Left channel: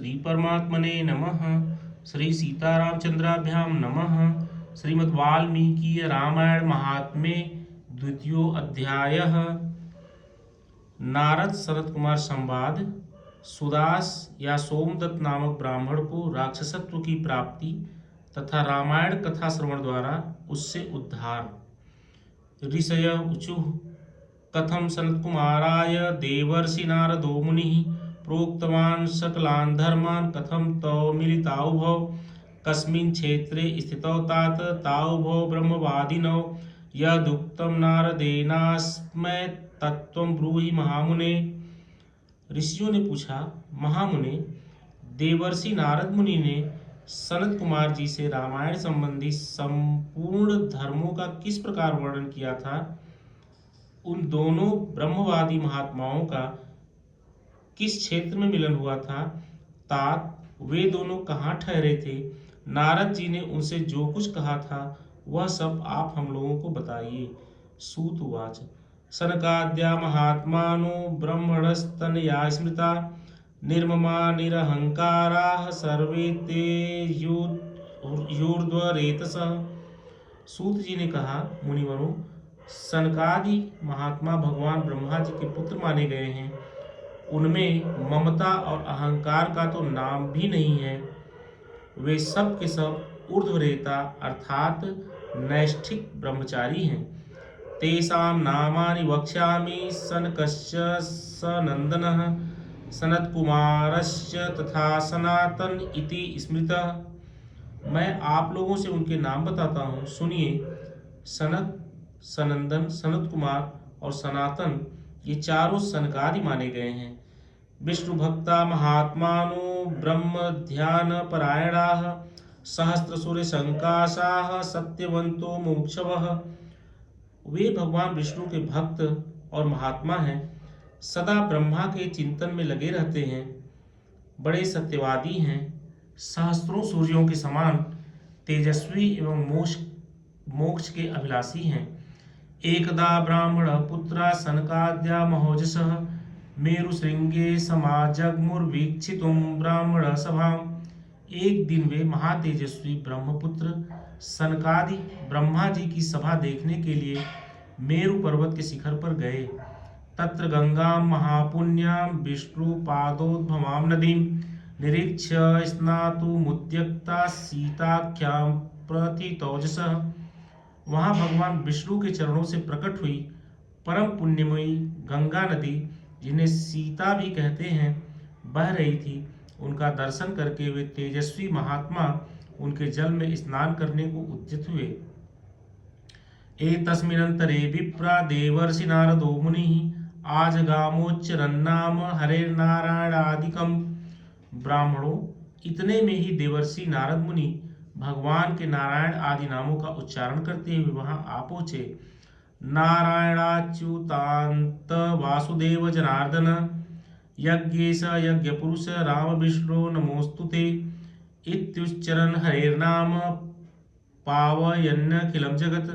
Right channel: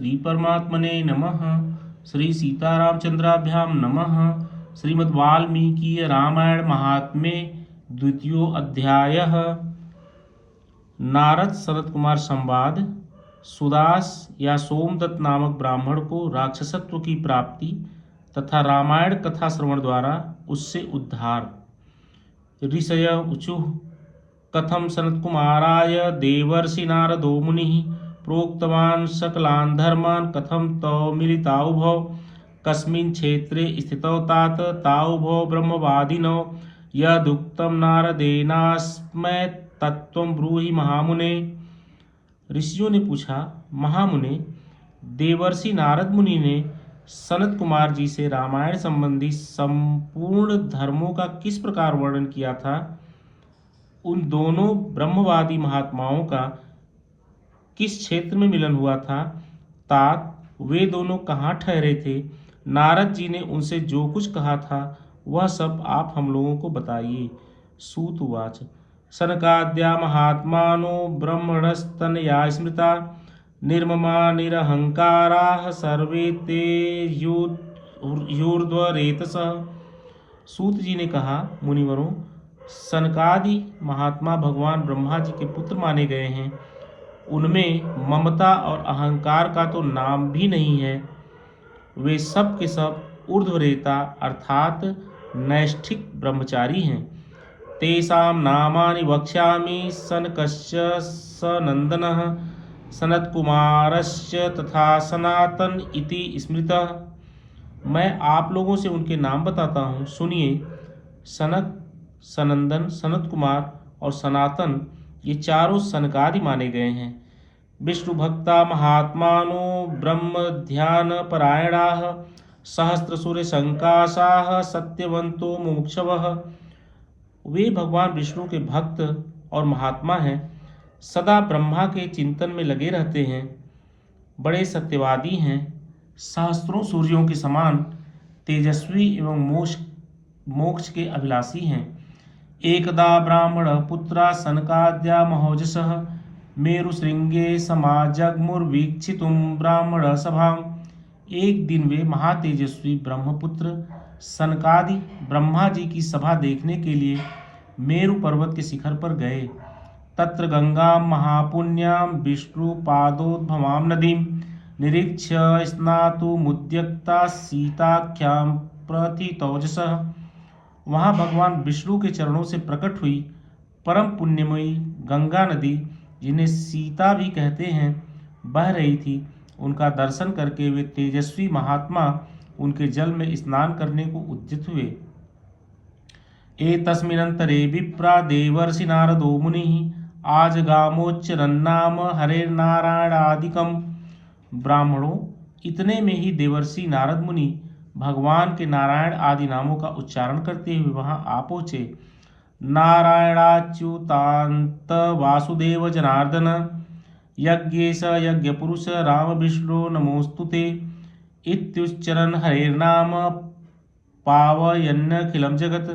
श्री परमात्मने नमः। श्री सीतारामचंद्राभ्यां नमः। श्रीमद् वाल्मीकि रामायण महात्म्ये द्वितीयो अध्यायः। नारद सनत कुमार संवाद। सुदास या सोमदत्त नामक ब्राह्मण को राक्षसत्व की प्राप्ति तथा रामायण कथा श्रवण द्वारा उससे उद्धार। ऋषय ऊचुः कथम सनत्कुमाराय देवर्षि नारदो मुनिः प्रोक्तवान् सकलान् धर्मान् कथम तौ मिलिताउभौ कस्मिन् क्षेत्रे स्थितौ तात ताउभौ ब्रह्मवादिनौ यदुक्तं नारदेनास्मै तत्त्वं ब्रूहि महामुने। ऋषियों ने पूछा, महामुने, देवर्षि नारद मुनि ने सनत कुमार जी से रामायण संबंधी संपूर्ण धर्मों का किस प्रकार वर्णन किया था। उन दोनों ब्रह्मवादी महात्माओं का किस क्षेत्र में मिलन हुआ था। तात वे दोनों कहाँ ठहरे थे। नारद जी ने उनसे जो कुछ कहा था वह सब आप हम लोगों को बताइए। सूत उवाच सनकाद्या महात्मानो ब्रह्मणस्तनया स्मृता निर्ममा निरहंकाराः सर्वे ते यूर्ध्वरेतसः। सूत जी ने कहा, मुनिवरों, सनकादि महात्मा भगवान ब्रह्मा जी के पुत्र माने गए हैं। उनमें ममता और अहंकार का तो नाम भी नहीं है। वे सब के सब ऊर्ध्वरेता अर्थात नैष्ठिक ब्रह्मचारी हैं। तेषां नामानि वक्ष्यामि सनकश्च सनंदनः सनत्कुमारश्च तथा सनातन इति स्मृतः। मैं आप लोगों से उनके नाम बताता हूँ, सुनिए। सनक, सनंदन, सनत कुमार और सनातन ये चारों सनकादि माने गए हैं। विष्णु भक्ता महात्मानो ब्रह्म ध्यान परायणाः सहस्रसूर्य संकाशाः सत्यवंतो मोक्षवः। वे भगवान विष्णु के भक्त और महात्मा हैं, सदा ब्रह्मा के चिंतन में लगे रहते हैं, बड़े सत्यवादी हैं, सहस्त्रों सूर्यों के समान तेजस्वी एवं मोक्ष के अभिलाषी हैं। एकदा ब्राह्मण पुत्रा सनकाद्या महोजसः मेरुशृंगे समाजग्मुर्वीक्षितुं ब्राह्मण सभाम्। एक दिन वे महातेजस्वी ब्रह्मपुत्र सनकादि ब्रह्मा जी की सभा देखने के लिए मेरु पर्वत के शिखर पर गए। तत्र गंगा महापुण्यां विष्णुपादोद्भवां नदीं निरीक्ष्य स्नातुमुद्यक्ता सीताख्यां प्रथितौजसः। वहाँ भगवान विष्णु के चरणों से प्रकट हुई परम पुण्यमयी गंगा नदी, जिन्हें सीता भी कहते हैं, बह रही थी। उनका दर्शन करके वे तेजस्वी महात्मा उनके जल में स्नान करने को उद्यत हुए। एतस्मिन्नन्तरे विप्रा देवर्षि नारदो मुनिः आजगामोच्चरन्नाम हरेर्नारायणादिकम्। ब्राह्मणों, इतने में ही देवर्षि नारद मुनि भगवान के नारायण आदि नामों का उच्चारण करते हुए वहां आ पहुंचे। नारायणाच्युतांत वासुदेव जनार्दन यज्ञेश यज्ञ पुरुष राम विष्णु नमोस्तुते इत्युच्चरन् हरेर्नाम पावयन्नखिलं जगत्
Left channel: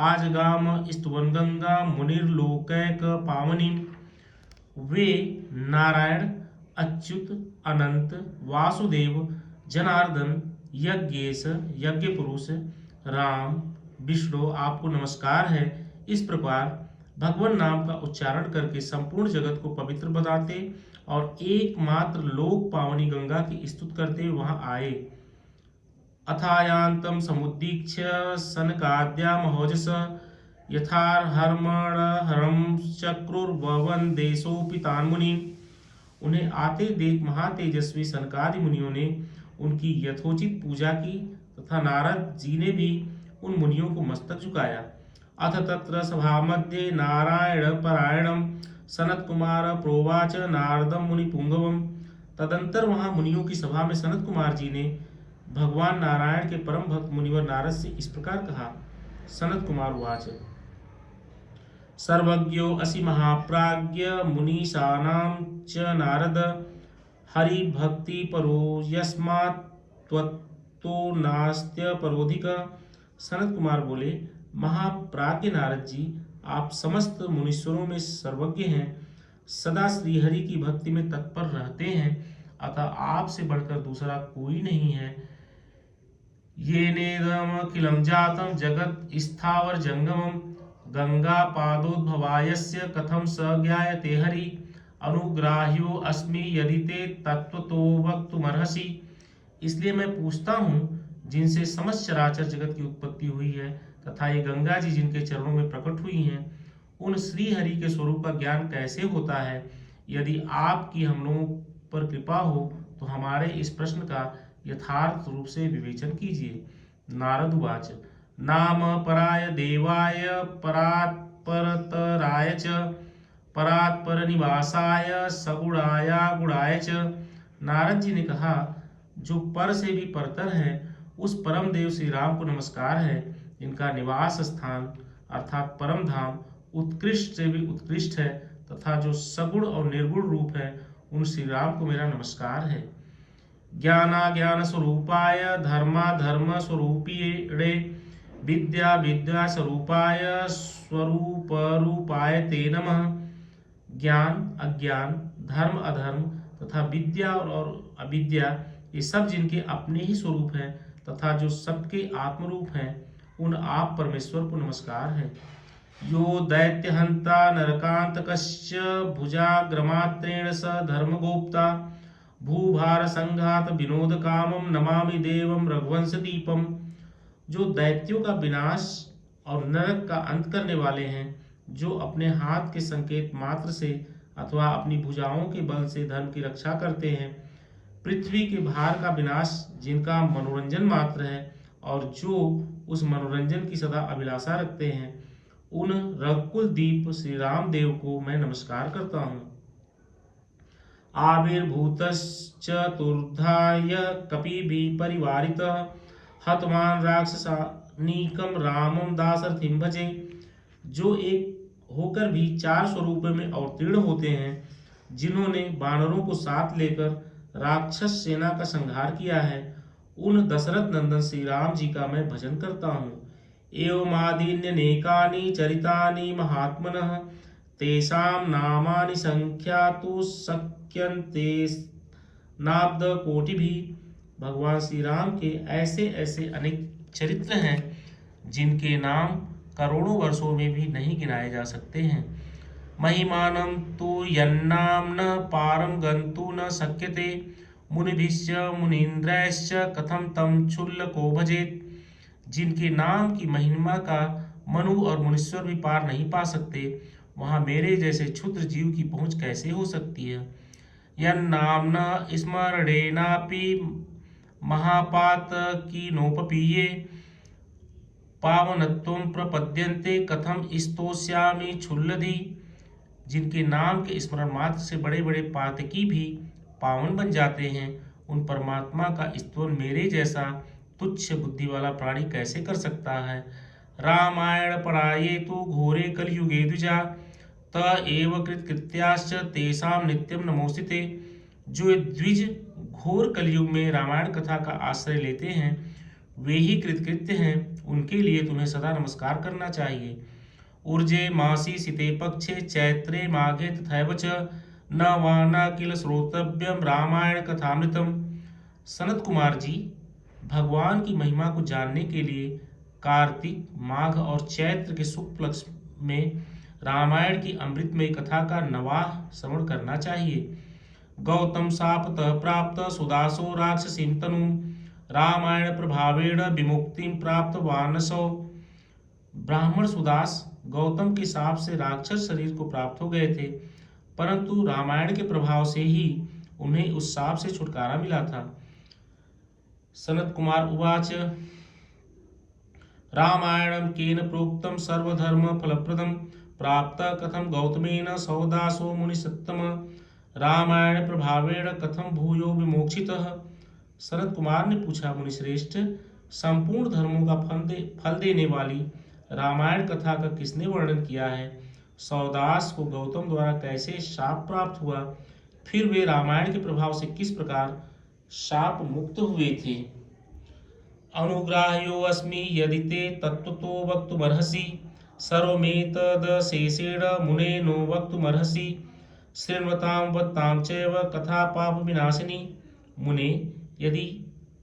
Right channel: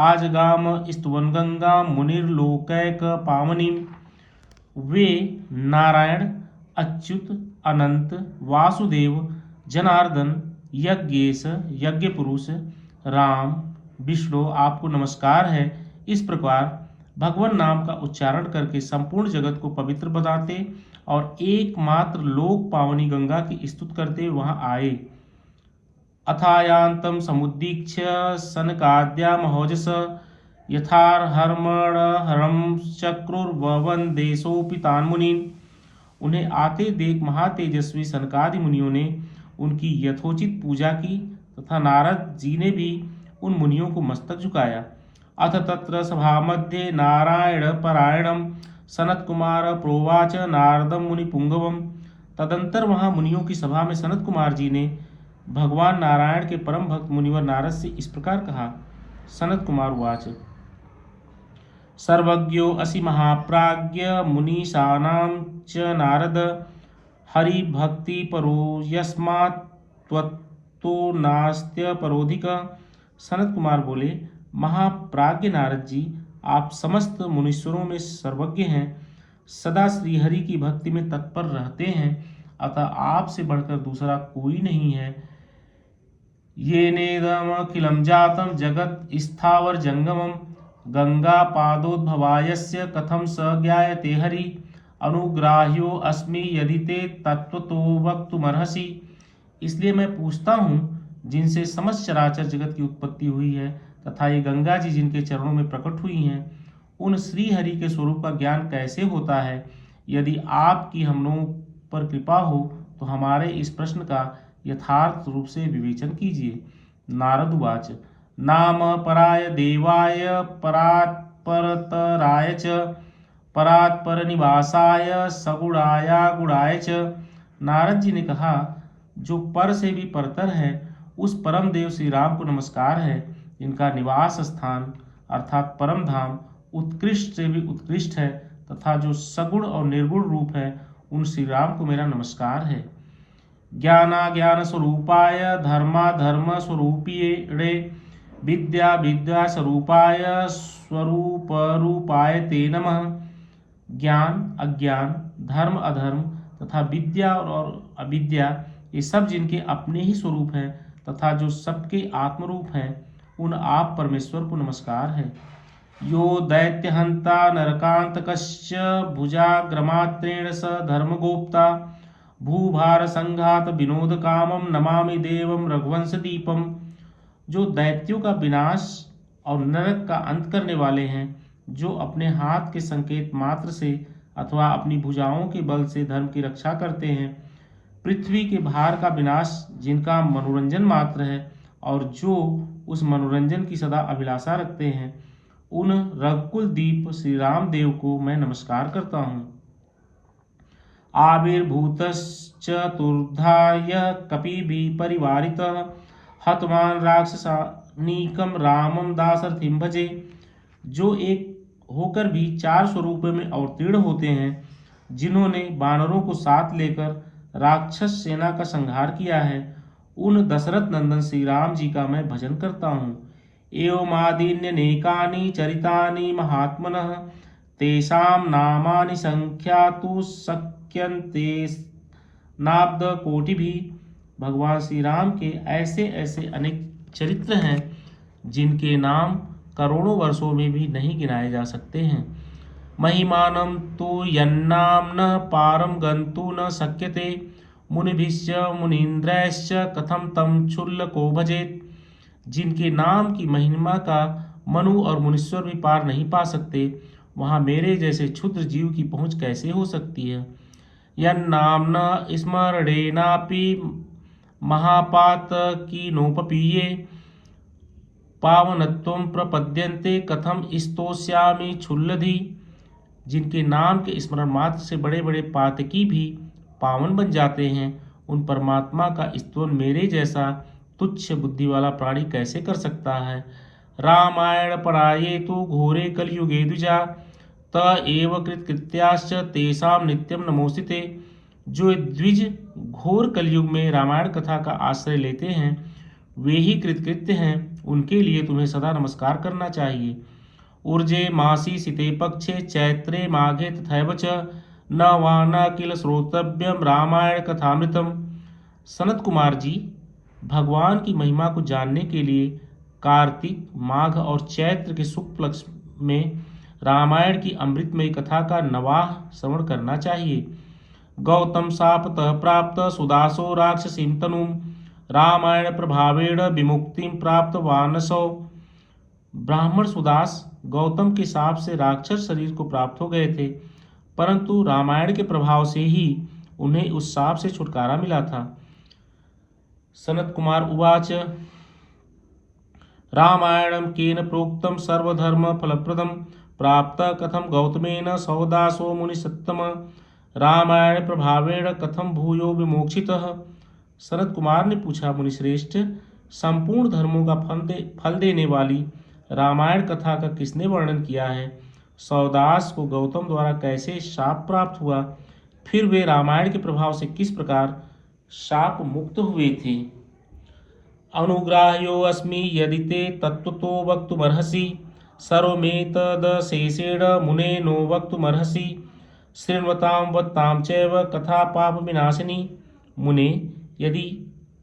आजगाम स्तुवन् गंगा मुनिर्लोकैक पावनीम्। वे नारायण, अच्युत, अनंत, वासुदेव, जनार्दन, यज्ञेश, यज्ञ पुरुष, राम, विष्णु, आपको नमस्कार है। इस प्रकार भगवान नाम का उच्चारण करके संपूर्ण जगत को पवित्र बनाते और एकमात्र लोक पावनी गंगा की स्तुति करते वहां आए। अथायांतम समुदीक्ष्य सनकाद्या महोजस यथार्हर्मणहरं चक्रुर्ववन देशोऽपि तान् मुनीन्। उन्हें आते देख महातेजस्वी सनकादि मुनियों ने उनकी यथोचित पूजा की तथा नारद जी ने भी उन मुनियों को मस्तक झुकाया। अथ तत्र सभामध्ये नारायण परायणं सनत कुमार प्रोवाच नारदम मुनि पुंगवम। तदंतर वहां मुनियों की सभा में सनत कुमार जी ने भगवान नारायण के परम भक्त मुनिवर नारद से इस प्रकार कहा। सनत कुमार उवाच सर्वज्ञो असि महाप्राज्ञ मुनीशानां च नारद हरि भक्ति परो यस्मात् त्वत्तो नास्त्य परोधिक। सनत कुमार बोले, महाप्राज्ञ नारद जी, आप समस्त मुनीश्वरों में सर्वज्ञ हैं, सदा श्रीहरि की भक्ति में तत्पर रहते हैं। अतः आपसे बढ़कर दूसरा कोई नहीं है। ये नेदमखिलं जातं जगत् स्थावर जंगमं गंगा पादोद्भवायस्य कथं स ज्ञायते हरि अनुग्राह्यो अस्मि यदि ते तत्त्वतो वक्तुमर्हसि। इसलिए मैं पूछता हूँ जिनसे समस्त चराचर जगत की उत्पत्ति हुई है तथा ये गंगा जी जिनके चरणों में प्रकट हुई हैं, उन श्री हरि के स्वरूप का ज्ञान कैसे होता है। यदि आपकी हम लोगों पर कृपा हो तो हमारे इस प्रश्न का यथार्थ रूप से विवेचन कीजिए। नारद उवाच नाम पराय देवाय परात्परतराय च परात्परनिवासाय सगुणाया गुणाय च। नारद जी ने कहा, जो पर से भी परतर है उस परम देव श्री राम को नमस्कार है। इनका निवास स्थान अर्थात परम धाम उत्कृष्ट से भी उत्कृष्ट है तथा जो सगुण और निर्गुण रूप है उन श्री राम को मेरा नमस्कार है। ज्ञानाज्ञान स्वरूपाय धर्माधर्म स्वरूपिणे विद्या विद्या स्वरूपाय स्वरूप रूपाय ते नमः। ज्ञान अज्ञान धर्म अधर्म तथा विद्या और अविद्या ये सब जिनके अपने ही स्वरूप हैं तथा जो सबके आत्मरूप हैं उन आप परमेश्वर को नमस्कार है। यो दैत्यहंता नरकांतकश्च भुजाग्रमात्रेण स धर्मगोप्ता भूभार संघात विनोद कामम नमामि देवम रघुवंश दीपम। जो दैत्यों का विनाश और नरक का अंत करने वाले हैं, जो अपने हाथ के संकेत मात्र से अथवा अपनी भुजाओं के बल से धर्म की रक्षा करते हैं, पृथ्वी के भार का विनाश जिनका मनोरंजन मात्र है और जो उस मनोरंजन की सदा अभिलाषा रखते हैं, उन रघुकुल दीप श्री राम देव को मैं नमस्कार करता हूँ। आविर्भूतश्चतुर्धाय कपिभिः परिवारितः हतवान राक्षसानीकं रामं दाशरथिं भजे। जो एक होकर भी चार स्वरूपों में अवतीर्ण होते हैं, जिन्होंने वानरों को साथ लेकर राक्षस सेना का संहार किया है, उन दशरथ नंदन श्री राम जी का मैं भजन करता हूँ। एवमादीन्यनेकानि चरितानि महात्मनः तेषां नामानि संख्यातु शक्यन्ते नाब्द कोटिभिः। भगवान श्री राम के ऐसे ऐसे अनेक चरित्र हैं जिनके नाम करोड़ों वर्षों में भी नहीं गिनाए जा सकते हैं। महिमानं तु यन्नाम्नः पारं गन्तुं न शक्यते मुनिभिश्च मुनीन्द्रैश्च कथं तं क्षुल्लको भजेत्। जिनके नाम की महिमा का मनु और मुनीश्वर भी पार नहीं पा सकते, वहाँ मेरे जैसे क्षुद्र जीव की पहुँच कैसे हो सकती है। यन्नाम्ना स्मरणेनापि महापातकीनोपपीये पावनत्वं प्रपद्यन्ते कथम स्तोष्यामि क्षुल्लधि। जिनके नाम के स्मरण मात्र से बड़े बड़े पातकी भी पावन बन जाते हैं, उन परमात्मा का स्तवन मेरे जैसा तुच्छ बुद्धि वाला प्राणी कैसे कर सकता है। रामायण पराये तो घोरे कलयुगे द्विजा त एव कृतकृत्याश्च तेषां नित्यं नमोस्ते। जो द्विज घोर कलयुग में रामायण कथा का आश्रय लेते हैं, वे ही कृतकृत्य हैं, उनके लिए तुम्हें सदा नमस्कार करना चाहिए। ऊर्जे मासी सिते पक्षे चैत्रे माघे तथैव च न वा न किल श्रोतव्यम रामायण कथामृतम। सनत कुमार जी, भगवान की महिमा को जानने के लिए कार्तिक माघ और चैत्र के शुक्ल पक्ष में रामायण की अमृतमय कथा का नवाह श्रवण करना चाहिए। गौतम शापतः प्राप्त सुदासो राक्षसीं तनु रामायण प्रभावेण विमुक्तिं प्राप्त वानसो। ब्राह्मण सुदास गौतम के शाप से राक्षस शरीर को प्राप्त हो गए थे, परंतु रामायण के प्रभाव से ही उन्हें उस शाप से छुटकारा मिला था। सनत कुमार उवाच रामायणं केन प्रोक्तं सर्वधर्म फलप्रदं प्राप्त कथम गौतमेन सौदासो मुनिसत्तम रामायण प्रभावेण कथम भूयो विमोक्षितः। सनत कुमार ने पूछा, मुनिश्रेष्ठ, संपूर्ण धर्मों का फल देने वाली रामायण कथा का किसने वर्णन किया है। सौदास को गौतम द्वारा कैसे शाप प्राप्त हुआ, फिर वे रामायण के प्रभाव से किस प्रकार शाप मुक्त हुए थे। अनुग्राह्यो अस्मि यदि ते तत्त्वतो वक्तुमर्हसि सर्वमेतदशेषेण मुने नो वक्तुमर्हसि। शृण्वतां वत्तां चैव कथा पाप विनाशिनी। मुने, यदि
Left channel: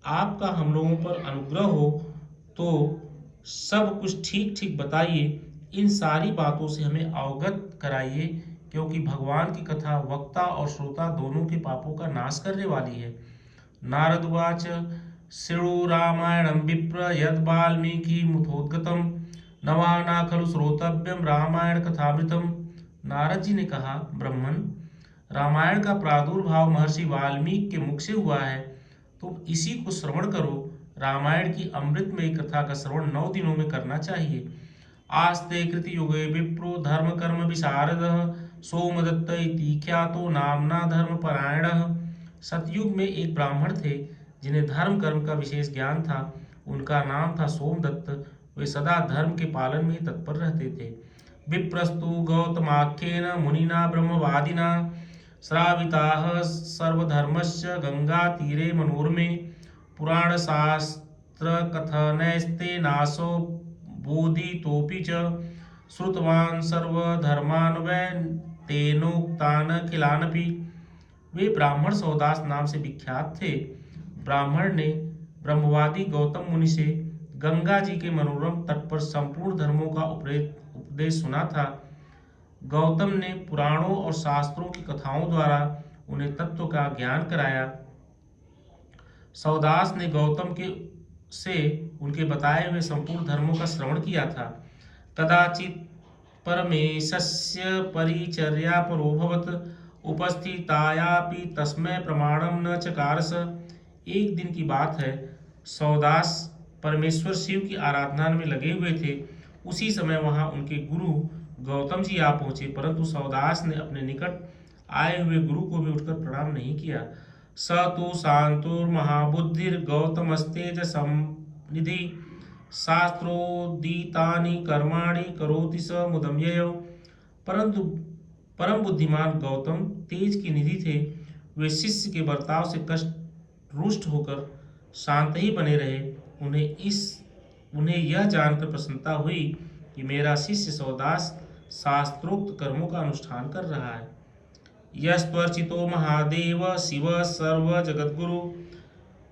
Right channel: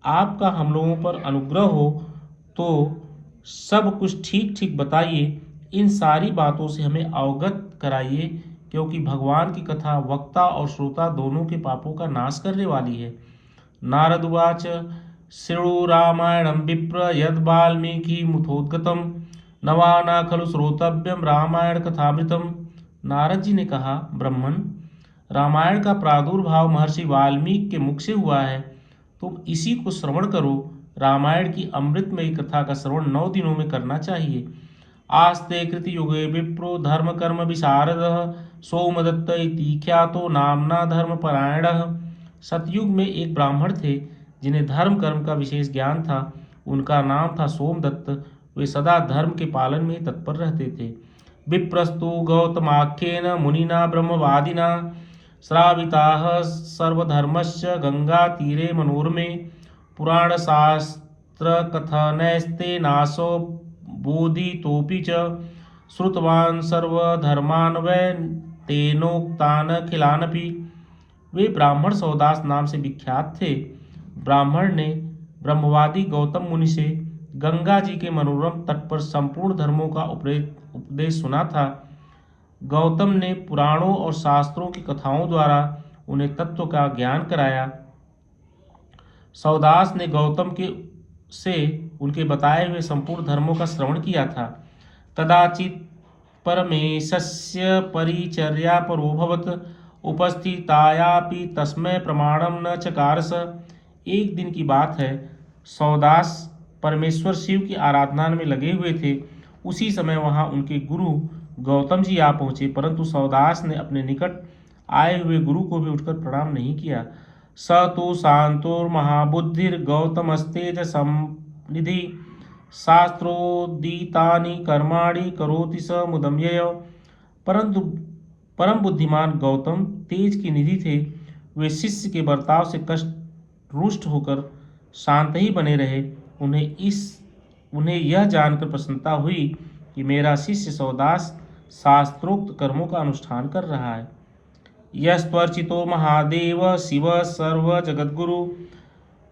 आपका हम लोगों पर अनुग्रह हो तो सब कुछ ठीक ठीक बताइए, इन सारी बातों से हमें अवगत कराइए, क्योंकि भगवान की कथा वक्ता और श्रोता दोनों के पापों का नाश करने वाली है। नारद उवाच शृणु रामायणं विप्र यद् वाल्मीकि मुखोद्गतम् नवाना खलु श्रोतव्यम रामायण कथामृतम। नारद जी ने कहा, ब्राह्मण, रामायण का प्रादुर्भाव महर्षि वाल्मीकि के मुख से हुआ है, तुम इसी को श्रवण करो। रामायण की अमृतमयी कथा का श्रवण 9 दिनों में करना चाहिए। आस्ते कृति युगे विप्रो धर्म कर्म विशारद सोमदत्त इति ख्यातो नामना धर्मपरायणः। सतयुग में एक ब्राह्मण थे जिन्हें धर्म कर्म का विशेष ज्ञान था। उनका नाम था सोमदत्त। वे सदा धर्म के पालन में तत्पर रहते थे। विप्रस्तु गौतमाख्येन मुनिना ब्रह्मवादिना श्राविताः सर्वधर्मस्य गंगा तीरे मनोरमे पुराण शास्त्र कथनैस्ते नासो बोधितोऽपि च श्रुतवान् सर्वधर्मान् वै तेनोक्तान् अखिलानपि। वे ब्राह्मण सौदास नाम से विख्यात थे। ब्राह्मण ने ब्रह्मवादी गौतम मुनि से गंगा जी के मनोरम तट पर संपूर्ण धर्मों का उपदेश सुना था। गौतम ने पुराणों और शास्त्रों की कथाओं द्वारा उन्हें तत्व का ज्ञान कराया। सौदास ने गौतम के से उनके बताए हुए संपूर्ण धर्मों का श्रवण किया था। कदाचित परमेशस्य परिचर्या परोभवत उपस्थितायापि तस्मै प्रमाणम न चकारस। एक दिन की बात है, सौदास परमेश्वर शिव की आराधना में लगे हुए थे। उसी समय वहां उनके गुरु गौतम जी आ पहुंचे, परंतु सौदास ने अपने निकट आए हुए गुरु को भी उठकर प्रणाम नहीं किया। स तो शांतोर्महाबुद्धिर गौतमस्तेज समनिधि शास्त्रोदितानि कर्माणि करोति स मुदं ययौ। परंतु परम बुद्धिमान गौतम तेज की निधि थे। वे शिष्य के बर्ताव से कष्ट रुष्ट होकर शांत ही बने रहे। उन्हें यह जानकर प्रसन्नता हुई कि मेरा शिष्य सौदास शास्त्रोक्त कर्मों का अनुष्ठान कर रहा है। यस्त्वर्चितो महादेव शिव सर्व जगद्गुरु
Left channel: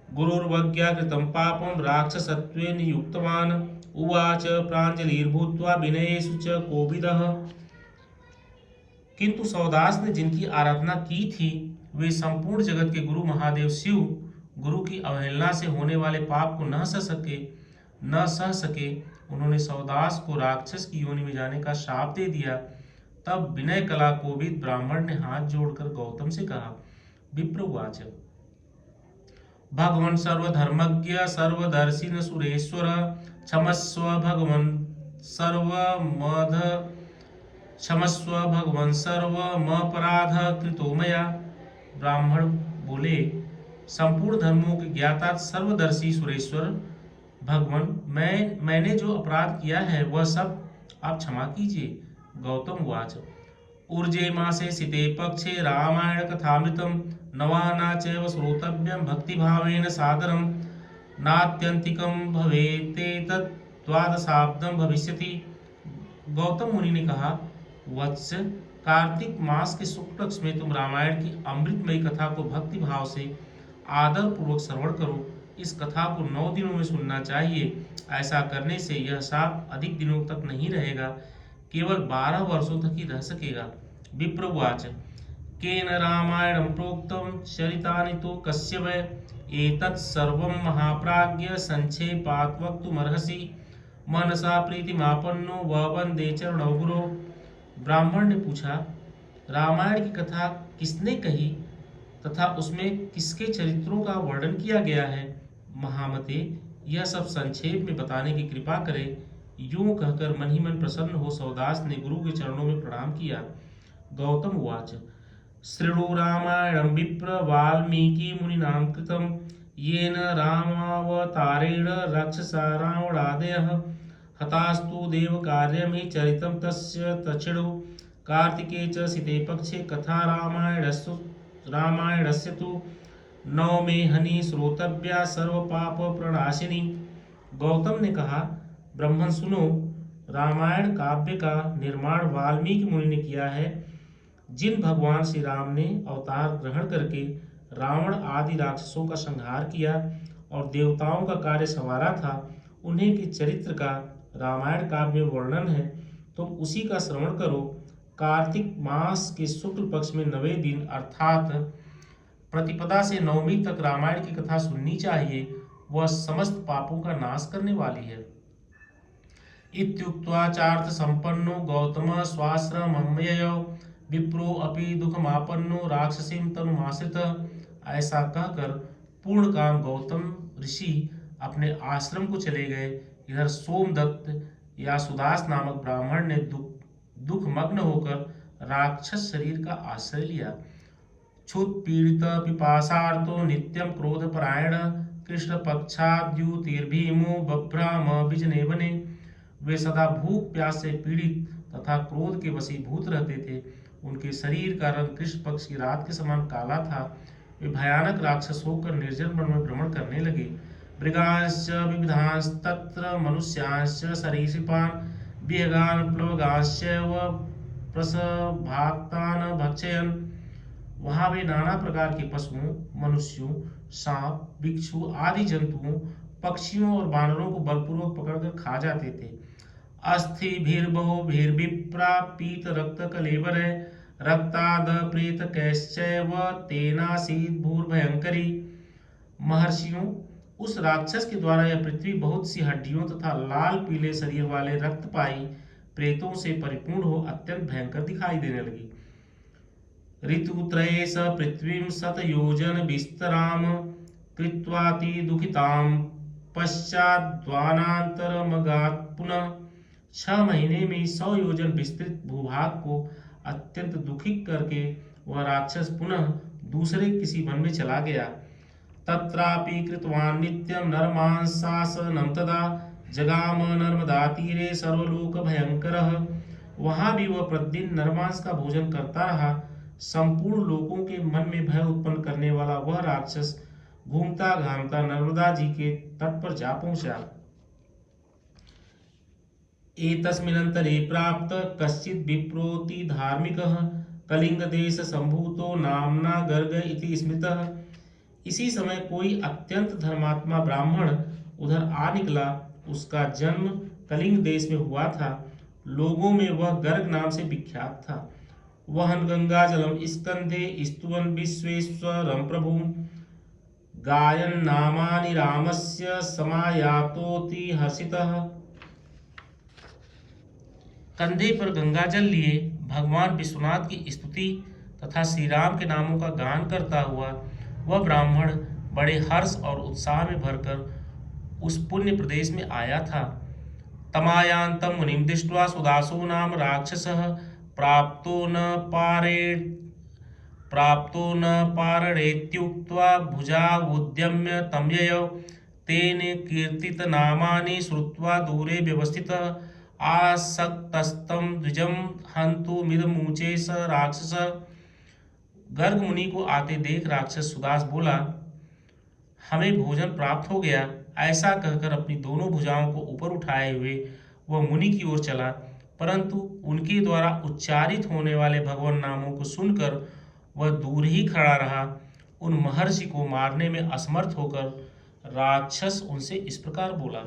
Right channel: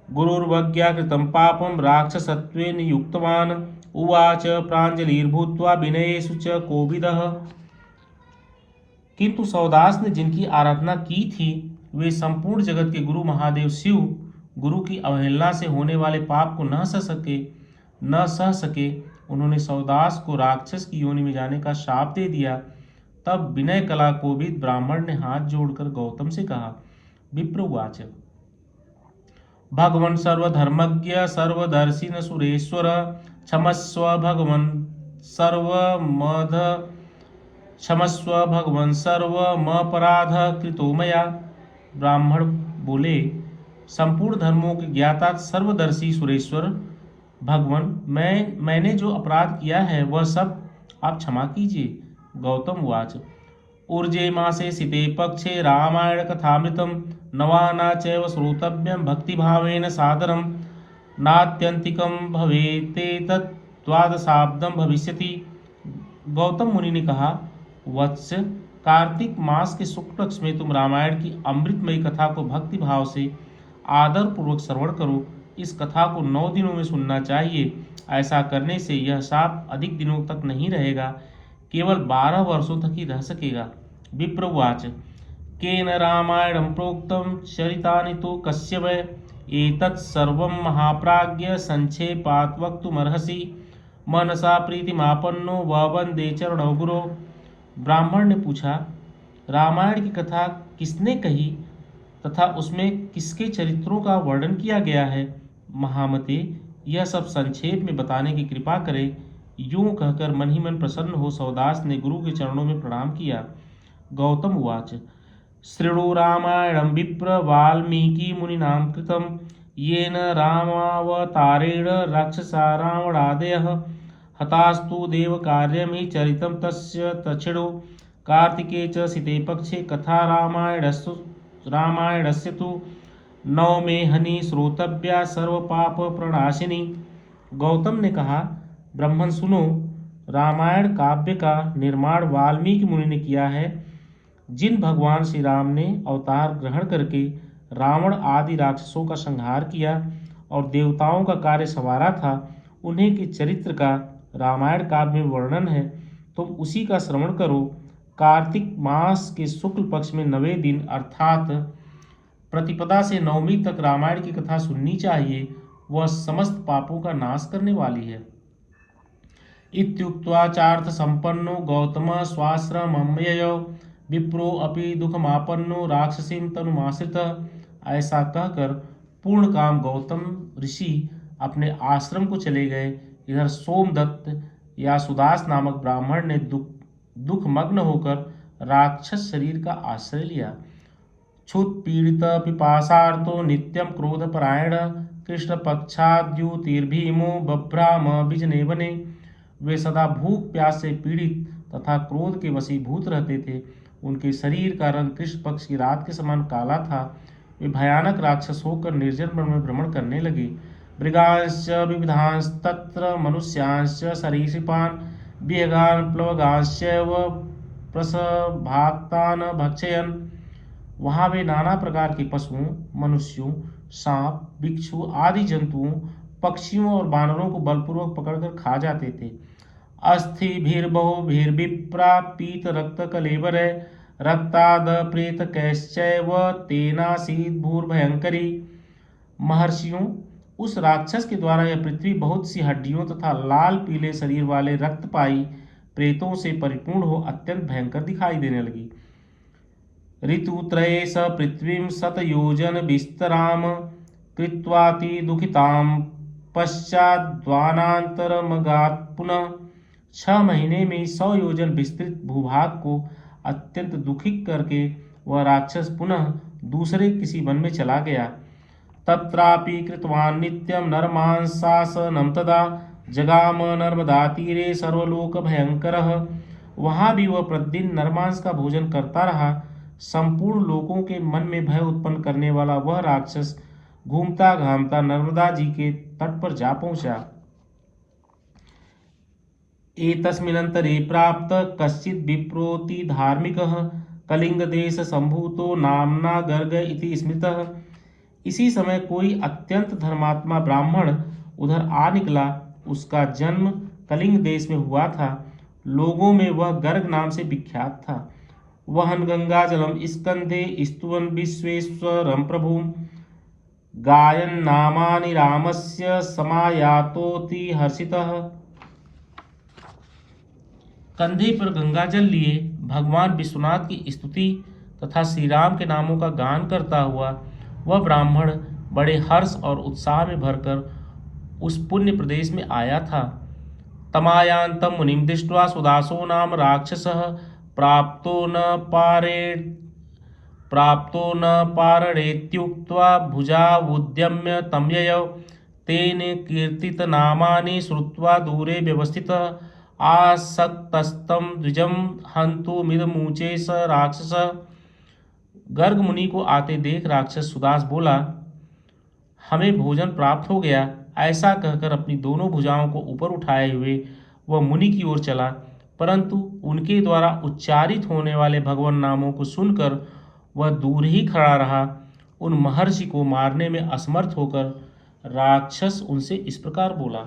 गुरुर्वज्ञा कृतं पापं राक्षसत्वेन युक्तवान् उवाच प्राञ्जलिर्भूत्वा विनयेषु च कोविदः। किंतु सौदास ने जिनकी आराधना की थी वे संपूर्ण जगत के गुरु महादेव शिव गुरु की अवहेलना से होने वाले पाप को न सह सके। उन्होंने सौदास को राक्षस की योनि में जाने का शाप दे दिया। तब विनय कला कोविद ब्राह्मण ने हाथ जोड़कर गौतम से कहा, विप्रुवाच भगवन् सर्वधर्मज्ञ सर्वदर्शिन सुरेश्वर क्षमस्व भगवन् सर्वमध क्षमस्व भगवन् सर्वमपराध कृतो मया। ब्राह्मण बोले, संपूर्ण धर्मों के ज्ञाता सर्वदर्शी सुरेश्वर भगवान, मैंने जो अपराध किया है वह सब आप क्षमा कीजिए। गौतम उवाच ऊर्जे मासे सिते पक्षे रामायण कथामृतम नवाना चैव श्रोतव्यम भक्तिभावेन सादरम नात्यंतिकम भवेतेतत् द्वादशाब्दम भविष्यति। गौतम मुनि ने कहा, वत्स, कार्तिक मास के शुक्ल पक्ष में तुम रामायण की अमृतमयी कथा को भक्ति भाव से आदर पूर्वक श्रवण करो। इस कथा को 9 दिनों में सुनना चाहिए। ऐसा करने से यह शाप अधिक दिनों तक नहीं रहेगा, केवल 12 वर्षों तक ही रह सकेगा। विप्रवाच केन रामायणं प्रोक्तं चरितानि तो कस्य वै एतत् सर्वं महाप्राज्ञ संक्षेपात् वक्तुमर्हसि मनसा प्रीतिमापन्नो ववन्दे चरणौ गुरो। ब्राह्मण ने पूछा, रामायण की कथा किसने कही तथा उसमें किसके चरित्रों का वर्णन किया गया है? महामते, यह सब संक्षेप में बताने की कृपा करें। यूं कहकर मन ही मन प्रसन्न हो सौदास ने गुरु के चरणों में प्रणाम किया। गौतम उवाच शृणु रामायणं विप्र वाल्मीकि मुनिना कृतं येन रामावतारेण राक्षसा रावणादयः हतास्तु देवकार्यमि चरितं तस्य तच्छृणु कार्तिके च सिते पक्षे कथा रामायणस्य तु नवमे हनि श्रोतव्या सर्वपाप प्रणाशिनी। गौतम ने कहा, ब्राह्मण सुनो, रामायण काव्य का निर्माण वाल्मीकि मुनि ने किया है। जिन भगवान श्री राम ने अवतार ग्रहण करके रावण आदि राक्षसों का संहार किया और देवताओं का कार्य संवारा था, उन्हीं के चरित्र का रामायण काव्य में वर्णन है। तुम उसी का श्रवण करो। कार्तिक मास के शुक्ल पक्ष में 9वें दिन अर्थात प्रतिपदा से नवमी तक रामायण की कथा सुननी चाहिए। वह समस्त पापों का नाश करने वाली है। इत्युक्त्वा चार्थ संपन्नो गौतम स्वाश्रममययौ विप्रो अपि दुखमापन्नो राक्षसीं तनुमाश्रितः। ऐसा कहकर पूर्ण काम गौतम ऋषि अपने आश्रम को चले गए। इधर सोमदत्त या सुदास नामक ब्राह्मण ने दुख मग्न होकर राक्षस शरीर का आश्रय लिया। क्षुत पीड़ित पिपासार्तो नित्यम क्रोधपरायण कृष्ण पक्षाद्युतिर्भीमो बभ्राम विजने वने। वे सदा भूख प्यास से पीड़ित तथा क्रोध के वशीभूत रहते थे। उनके शरीर का रंग कृष्ण पक्ष की रात के समान काला था। वे भयानक राक्षस होकर निर्जन वन में भ्रमण करने लगे। मृगांश्च विविधांस्तत्र मनुष्यांश्च सरीसृपान् विहगान् प्लवगांश्चैव प्रसभाक्तान् भक्षयन्। वहां वे नाना प्रकार के पशुओं, मनुष्यों, सांप, बिच्छू आदि जंतुओं, पक्षियों और बानरों को बलपूर्वक पकड़कर खा जाते थे। अस्थिभिर्बहुभिर्विप्रा पीत रक्त कलेवर रक्ताद प्रेत कैश्चैव तेनासीत् भूर्भयंकरी। महर्षियों, उस राक्षस के द्वारा यह पृथ्वी बहुत सी हड्डियों तथा लाल पीले शरीर वाले रक्तपाई प्रेतों से परिपूर्ण हो अत्यंत भयंकर दिखाई देने लगी। ऋतुत्रये स पृथ्वीं शतयोजन विस्तराम कृत्वाति दुखितां पश्चाद्वानांतरमगात् पुनः। 6 महीने में 100 योजन विस्तृत भूभाग को अत्यंत दुखित करके वह राक्षस पुनः दूसरे किसी वन में चला गया। तत्रापि कृतवान् नित्यं नरमांसासनं तदा जगाम नर्मदातीरे सर्वलोक भयंकरः। वहां भी वह प्रतिदिन नरमांस का भोजन करता रहा। संपूर्ण लोगों के मन में भय उत्पन्न करने वाला वह राक्षस घूमता घामता नर्मदा जी के तट पर जा पहुंचा। एतस्मिन्नन्तरे प्राप्त कश्चित् विप्रोति धार्मिकः कलिंग देश संभूतो नामना गर्ग इति स्मृतः। इसी समय कोई अत्यंत धर्मात्मा ब्राह्मण उधर आ निकला। उसका जन्म कलिंग देश में हुआ था। लोगों में वह गर्ग नाम से विख्यात था। वहन गंगा जलम स्कंधे स्तुवन् विश्वेश्वरं प्रभुं गायन् नामानि रामस्य समायातोति हर्षितः। कंधे पर गंगा जल लिए भगवान विश्वनाथ की स्तुति तथा श्री राम के नामों का गान करता हुआ वह ब्राह्मण बड़े हर्ष और उत्साह में भरकर उस पुण्य प्रदेश में आया था। तमायांतम मुनिम दृष्ट्वा सुदासो नाम राक्षसः प्राप्तो न पारणेत्युक्त्वा भुजावुद्यम्य तं ययौ। तेन कीर्तितनामानि श्रुत्वा दूरे व्यवस्थितः आसक्तस्तं द्विजं हन्तुमिदमुचे स राक्षसः। गर्ग मुनि को आते देख राक्षस सुदास बोला, हमें भोजन प्राप्त हो गया। ऐसा कहकर अपनी दोनों भुजाओं को ऊपर उठाए हुए वह मुनि की ओर चला, परंतु उनके द्वारा उच्चारित होने वाले भगवान नामों को सुनकर वह दूर ही खड़ा रहा। उन महर्षि को मारने में असमर्थ होकर राक्षस उनसे इस प्रकार बोला।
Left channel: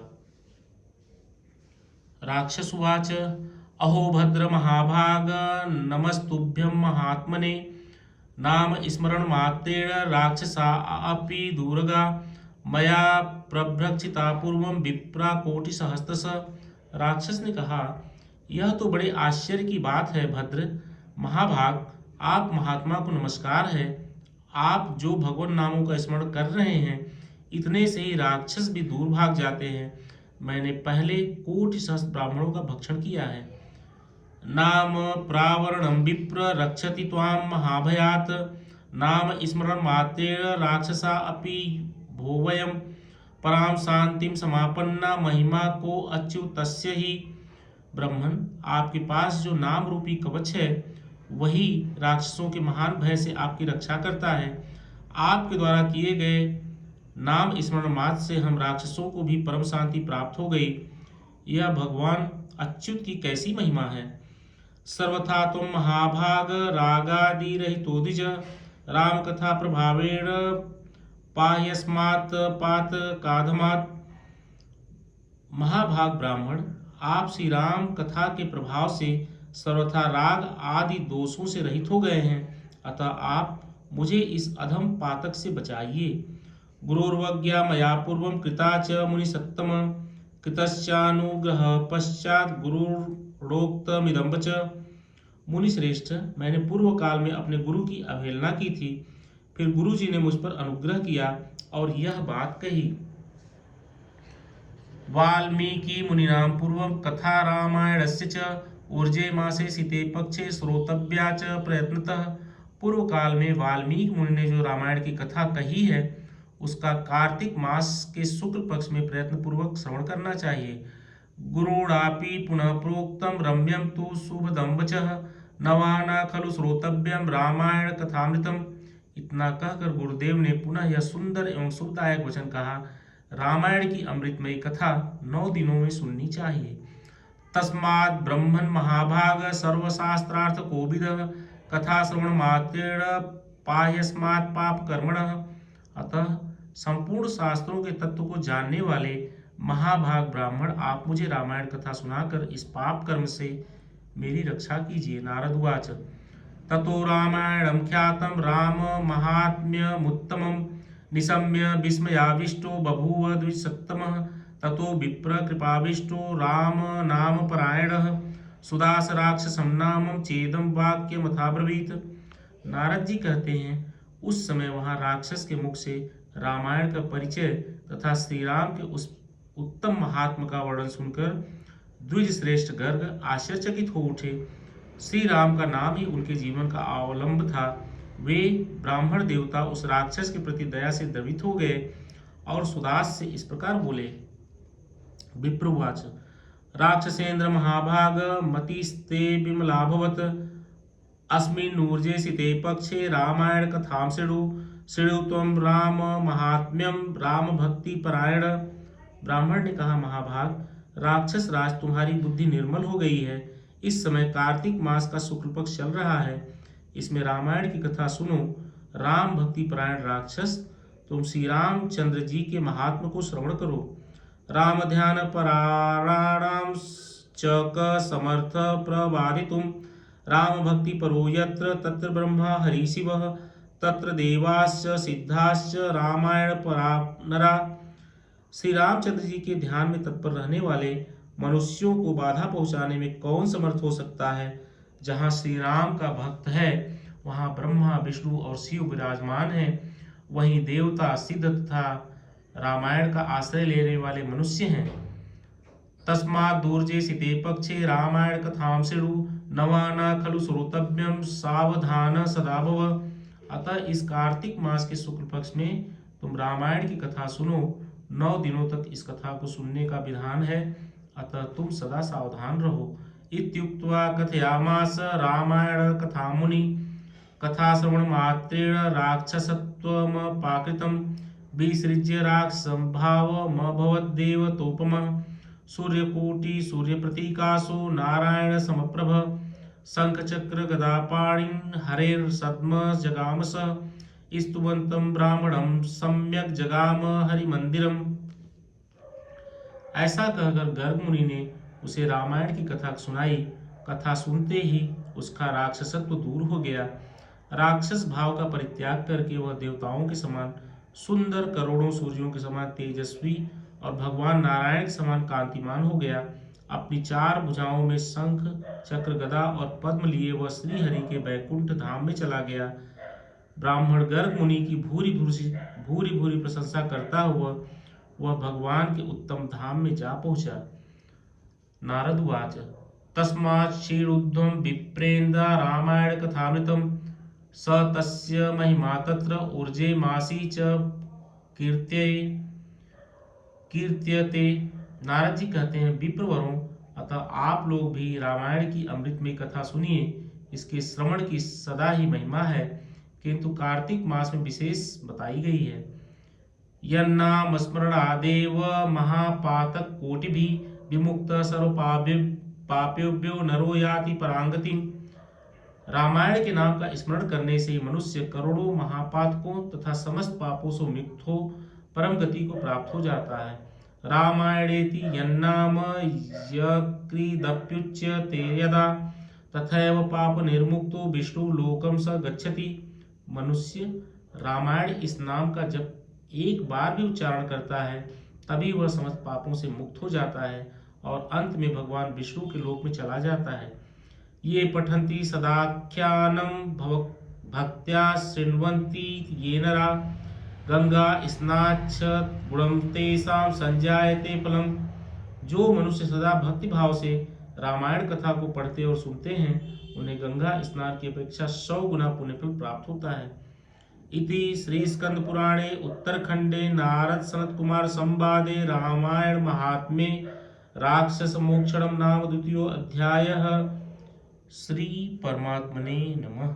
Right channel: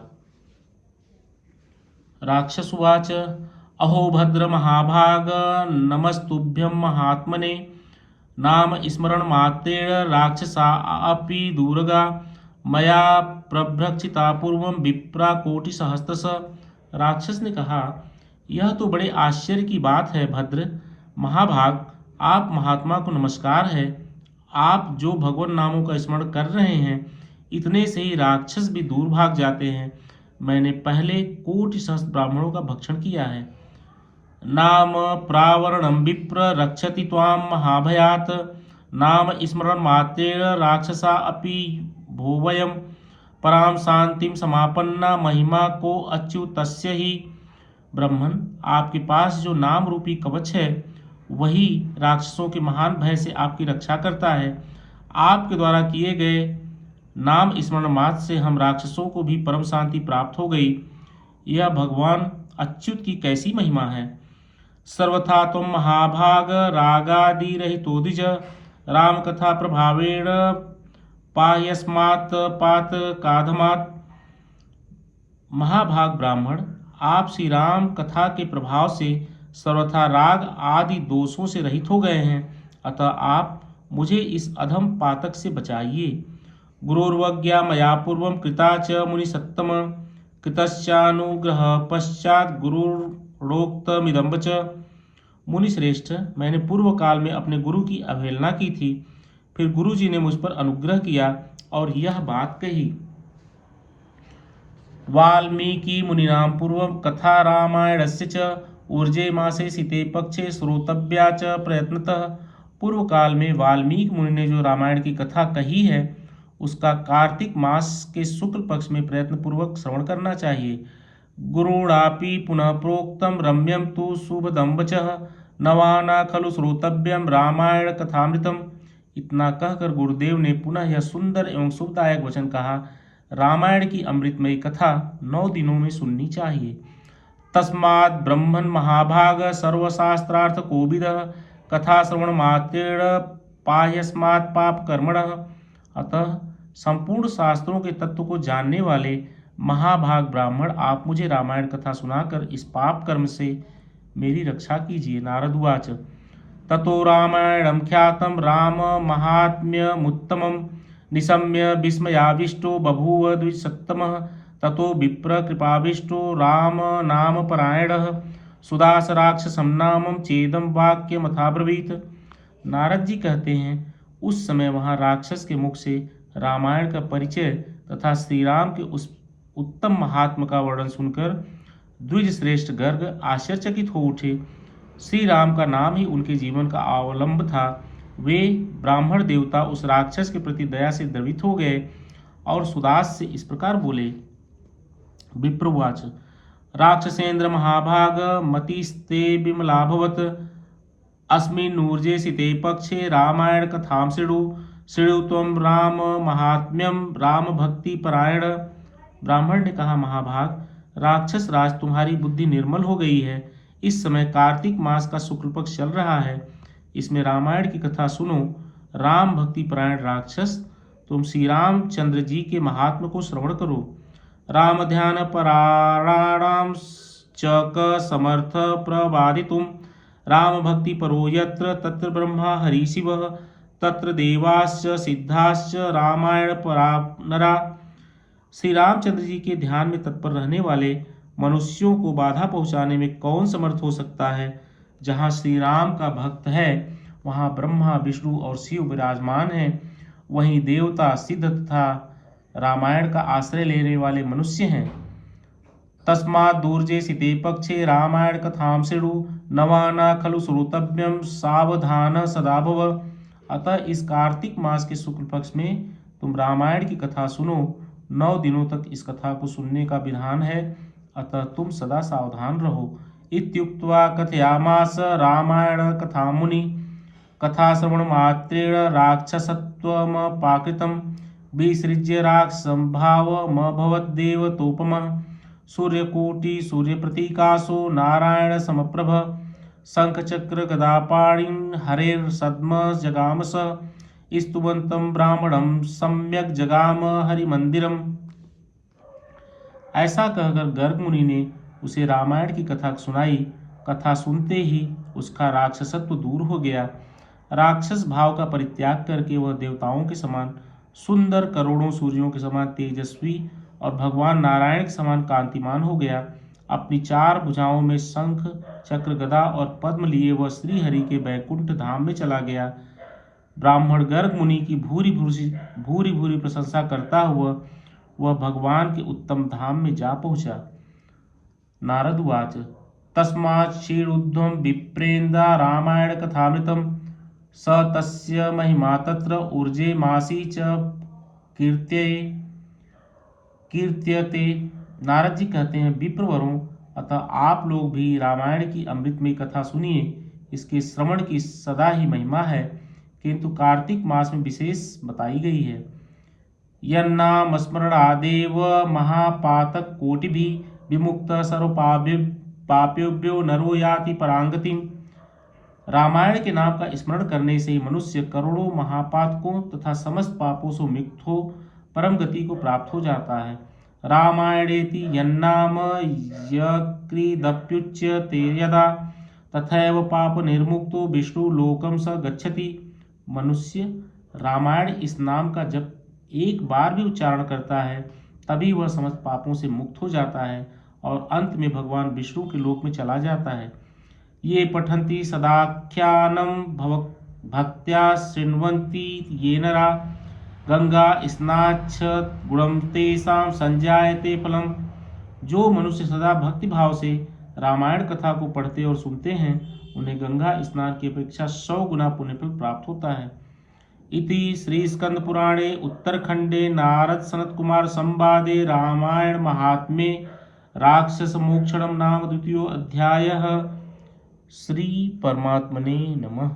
राक्षस उवाच, अहो भद्र महाभाग नमस्तुभ्यं महात्मने नाम स्मरण मात्रेण राक्षसा अपि दूरगा मया प्रभ्रक्षिता पूर्वं विप्रा कोटि सहस्त्रश। राक्षस ने कहा, यह तो बड़े आश्चर्य की बात है भद्र महाभाग, आप महात्मा को नमस्कार है। आप जो भगवान नामों का स्मरण कर रहे हैं, इतने से ही राक्षस भी दूर भाग जाते हैं। मैंने पहले कोटि सहस्त्र ब्राह्मणों का भक्षण किया है। नाम प्रावरणं विप्र रक्षति त्वां महाभयात् नाम स्मरण मात्रेण राक्षसा अपि भोवयं पराम शांतिम समापन्ना महिमा को अच्युतस्य ही। ब्रह्मन, आपके पास जो नाम रूपी कवच है वही राक्षसों के महान भय से आपकी रक्षा करता है। आपके द्वारा किए गए नाम स्मरण मात्र से हम राक्षसों को भी परम शांति प्राप्त हो गई। यह भगवान अच्युत की कैसी महिमा है। सर्वथा त्वं महाभाग रागादिरहितोऽधिज रामकथा प्रभावेण पाह्यस्मात् पातकाधमात्। महाभाग ब्राह्मण, आप श्री राम कथा के प्रभाव से सर्वथा राग आदि दोषों से रहित हो गए हैं, अतः आप मुझे इस अधम पातक से बचाइए। गुरोर्वज्ञा मया पूर्वं कृता च मुनिसत्तम कृतश्चानुग्रह पश्चात गुरुरोक्तमिदं वच। मुनि श्रेष्ठ, मैंने पूर्व काल में अपने गुरु की अवहेलना की थी, फिर गुरु जी ने मुझ पर अनुग्रह किया और यह बात कही। वाल्मीकि मुनिना पूर्वं कथा रामायणस्य च ऊर्जे मासे शीते पक्षे श्रोतव्या च प्रयत्नतः। पूर्व काल में वाल्मीकि मुनि ने जो रामायण की कथा कही है, उसका कार्तिक मास के शुक्ल पक्ष में प्रयत्न पूर्वक श्रवण करना चाहिए। गुरुणापि पुनः प्रोक्तम रम्यम तु शुभदं वचः नवाना खलु श्रोतव्यम रामायण कथामृतम। इतना कहकर गुरुदेव ने पुनः यह सुंदर एवं शुभदायक वचन कहा, रामायण की अमृतमयी कथा 9 दिनों में सुननी चाहिए। तस्मात् ब्रह्मन् महाभाग सर्वशास्त्रार्थ कोविदः कथा श्रवण मात्रेण पाह्यस्मात् पाप कर्मणः। अतः संपूर्ण शास्त्रों के तत्व को जानने वाले महाभाग ब्राह्मण, आप मुझे रामायण कथा सुनाकर इस पाप कर्म से मेरी रक्षा कीजिए। नारद उवाच ततो रामायणं ख्यातं राम महात्म्यमुत्तमं निशम्य विस्मयाविष्टो बभूव द्विजसत्तमः। ततो विप्र कृपाविष्टो राम नाम परायणः सुदास राक्षसं नामं चेदं वाक्यमथाब्रवीत। नारद जी कहते हैं, उस समय वहां राक्षस के मुख से रामायण का परिचय तथा श्री राम के उस उत्तम महात्मा का वर्णन सुनकर द्विज श्रेष्ठ गर्ग आश्चर्यचकित हो उठे। श्री राम का नाम ही उनके जीवन का अवलंब था। वे ब्राह्मण देवता उस राक्षस के प्रति दया से द्रवित हो गए और सुदास से इस प्रकार बोले। विप्रुवाच राक्षसेन्द्र महाभाग मतिस्ते विमलाभवत अस्मिन्नूर्जे सिते पक्षे रामायण कथां शृणु त्वं राम महात्म्यम राम भक्ति परायण। ब्राह्मण ने कहा, महाभाग, राक्षस राज, तुम्हारी बुद्धि निर्मल हो गई है। इस समय कार्तिक मास का शुक्ल पक्ष चल रहा है, इसमें रामायण की कथा सुनो। राम भक्ति परायण राक्षस, तुम श्री रामचंद्र जी के महात्म को श्रवण करो। राम ध्यान पराणाम च समर्थ प्रवादितुम राम भक्ति परो यत्र तत्र ब्रह्मा हरि शिवः तत्र देवाश्च सिद्धाश्च रामायण परानरा। श्री रामचंद्र जी के ध्यान में तत्पर रहने वाले मनुष्यों को बाधा पहुंचाने में कौन समर्थ हो सकता है। जहाँ श्री राम का भक्त है, वहाँ ब्रह्मा विष्णु और शिव विराजमान है। वहीं देवता सिद्ध तथा रामायण का आश्रय लेने वाले मनुष्य हैं। तस्मात् दूर्जे सिते पक्षे रामायण कथां शृणु नवाना खलु श्रोतव्यम सावधान सदा भव। अतः इस कार्तिक मास के शुक्ल पक्ष में तुम रामायण की कथा सुनो। 9 दिनों तक इस कथा को सुनने का विधान है, अतः तुम सदा सावधान रहो। इत्युक्त्वा कथयामास रामायण कथा मुनि कथा श्रवण मात्रेण राक्षसत्वमपाकृतं विसृज्य राक्षसंभावमभवद्देवतोपमः सूर्यकोटि सूर्यप्रतीकासो नारायण समप्रभ शंखचक्र गदापाणिं हरेर्सद्म जगाम स स्तुवन्तं ब्राह्मणं सम्यक जगाम हरिमंदिरम। ऐसा कहकर गर्ग मुनि ने उसे रामायण की कथा सुनाई। कथा सुनते ही उसका राक्षसत्व दूर हो गया। राक्षस भाव का परित्याग करके वह देवताओं के समान सुंदर, करोड़ों सूर्यों के समान तेजस्वी और भगवान नारायण के समान कांतिमान हो गया। अपनी 4 भुजाओं में शंख चक्र गदा और पद्म लिए वह श्री हरि के बैकुंठ धाम में चला गया। ब्राह्मण गर्ग मुनि की भूरी भूरी प्रशंसा करता हुआ वह भगवान के उत्तम धाम में जा पहुंचा। नारद उवाच तस्मात् शीर्षोर्ध्वं विप्रेन्द्र रामायण कथामृतं स तस्य महिमा तत्र ऊर्जे मासी च कीर्त्यते। नारद जी कहते हैं, विप्रवरों, अतः आप लोग भी रामायण की अमृतमयी कथा सुनिए। इसके श्रवण की सदा ही महिमा है, किंतु कार्तिक मास में विशेष बताई गई है। यन्नाम स्मरणादेव महापातक कोटिभिः विमुक्त सर्वपापे पापेभ्यो नरो याति परांगतिम। रामायण के नाम का स्मरण करने से मनुष्य करोड़ों महापातकों तथा समस्त पापों से मुक्त हो परम गति को प्राप्त हो जाता है। रामायणेति यन्नाम यकृदप्युच्यते यदा तथैव पाप निर्मुक्तो विष्णु लोकम स गच्छति। मनुष्य रामायण इस नाम का जब एक बार भी उच्चारण करता है तभी वह समस्त पापों से मुक्त हो जाता है और अंत में भगवान विष्णु के लोक में चला जाता है। ये पठन्ति सदाख्यानं भक्त्या शृण्वन्ति ये नरा गंगा स्नाच्छ गुणं तेषां संजायते फलम। जो मनुष्य सदा भक्ति भाव से रामायण कथा को पढ़ते और सुनते हैं उन्हें गंगा स्नान की अपेक्षा 100 गुना पुण्यफल प्राप्त होता है। इति श्री स्कंद पुराणे उत्तरखंडे नारद सनत कुमार संवादे रामायण महात्म्ये राक्षस मोक्षणम नाम 2 अध्यायः। श्री परमात्मने नमः।